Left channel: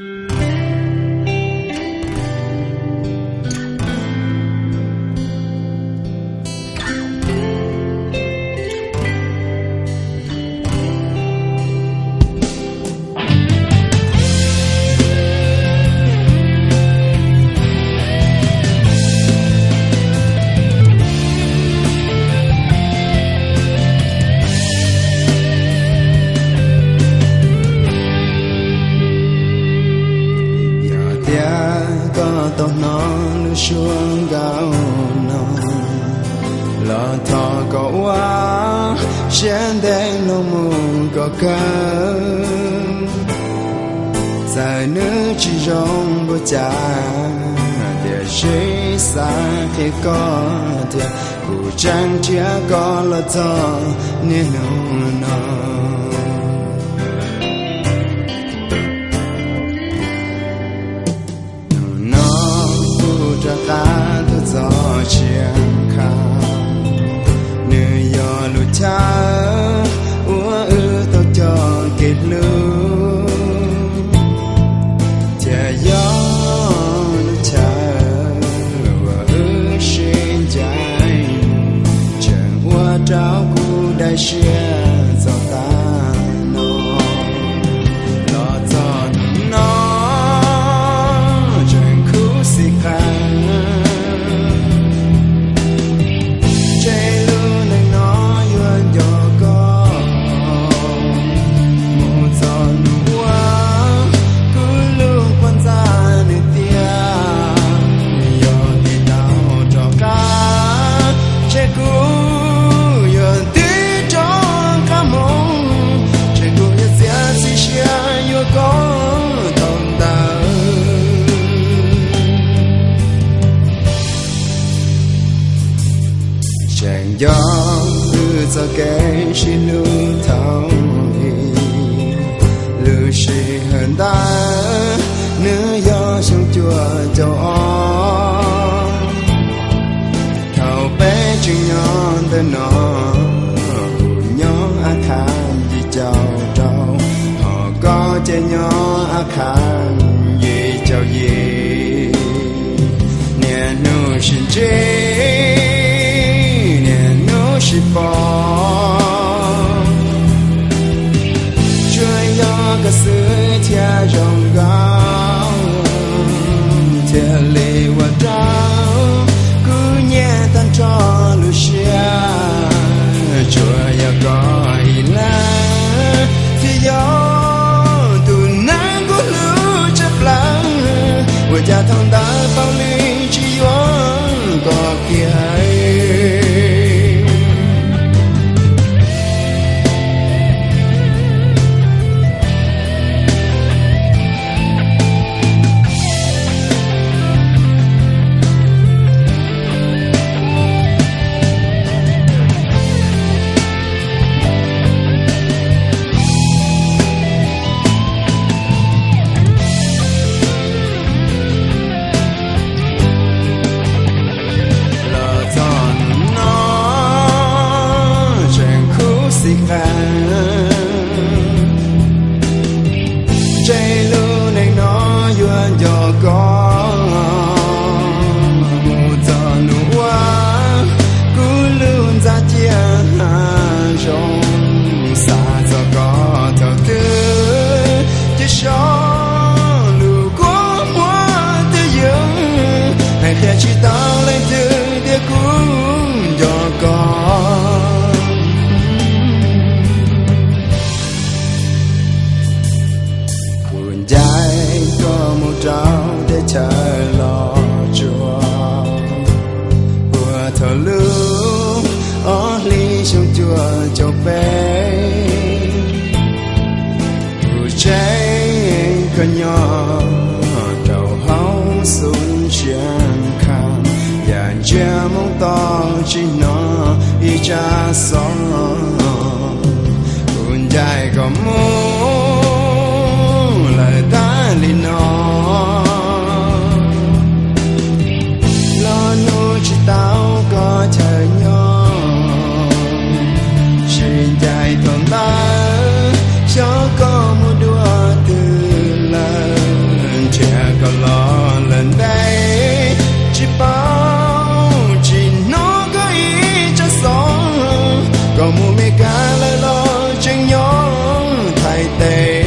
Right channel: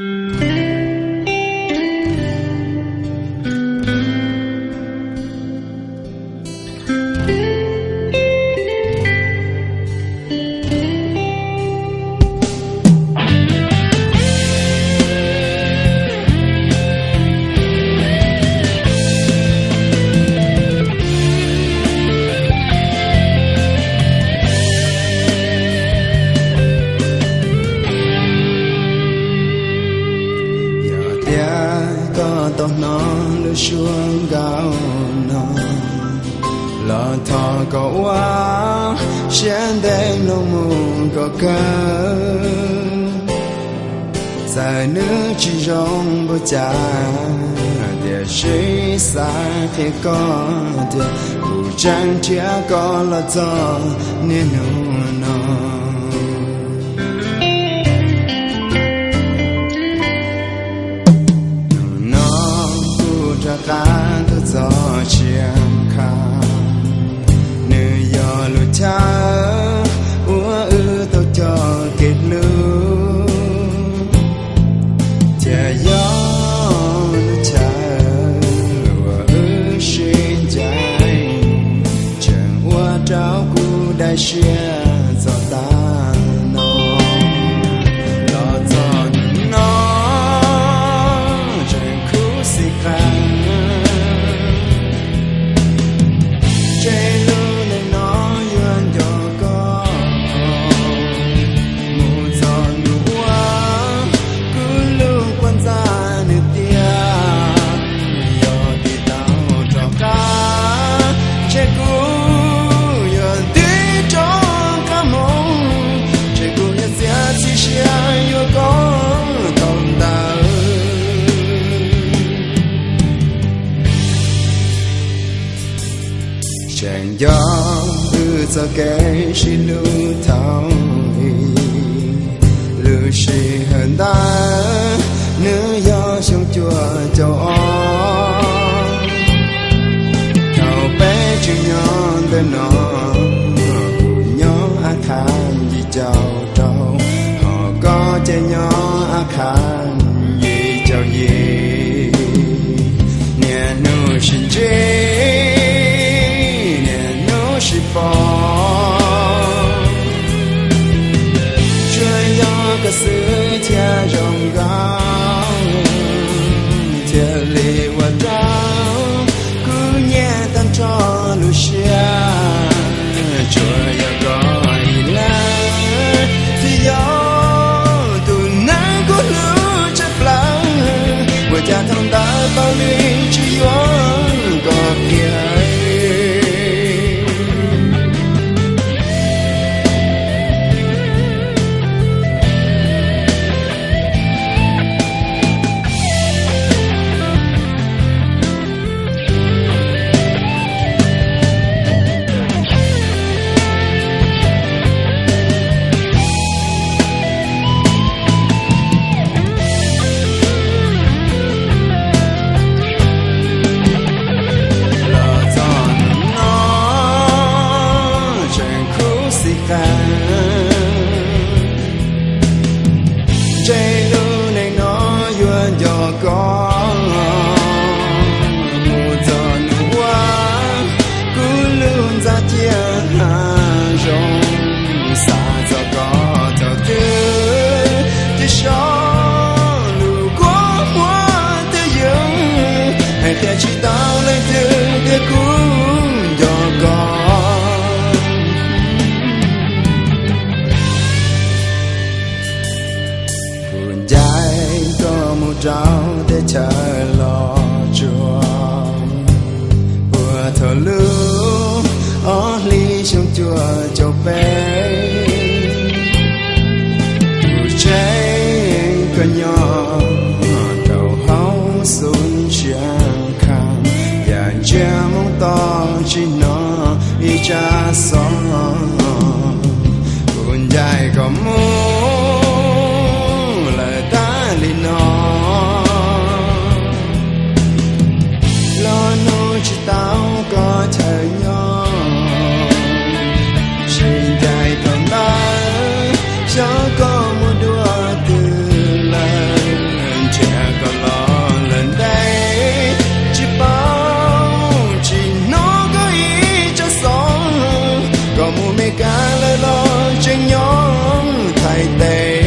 Mm-hmm. Có tao nó lu xuống gạo nó lo thọ có quá trên đen lo mù có cơ dài nữ chỉ rong bố cha để suy xa khi có thì cụ chẳng chia có là cho nên nó cho cá tu gió chiang khang nơi yo lu cha ua ư tao cho kết lu cha yo lu cha ua ư xin trái chẳng ua trao cu đại xia cho ta chẳng gió ư cho cái xi lu thao lu xi hận ta nữ do sông chùa châu on bé chừng nhỏ tên nó cụ nhỏ a khan gì chào trâu họ có che nhỏ a khan gì chào gì nè nu xin chết nu xin bò ka gió cả sự chia rong gao chia lì và trao tan cho lu xia chùa ya gọi là thì yo tu nắng của lu chấp lắng vừa cha thông ta bao ly chỉ yo có kia khang chạy lu này nó yuan cho có. Mu cho nu wa cu luôn ra chia rong xa cho có cho tư, chỉ cho lu có mua tư dương. Hãy khi chi tao dài có một trao để chờ lo chuông, vừa thở lưu ở ly trong chùa cho bé. Vừa cháy có nhỏ đầu hấu xuống chẳng khăn và cha mong to chỉ nó y cha gió cuốn dài có mua lên nó lo nô chỉ tao có thở nhỏ. Xin dài thoải mái cho có một đùa từ lần, trẻ có lo lần đây. Chỉ bao, chỉ nó có ý cho sống. Có một mẹ cá lời lo trên nhóm thay tên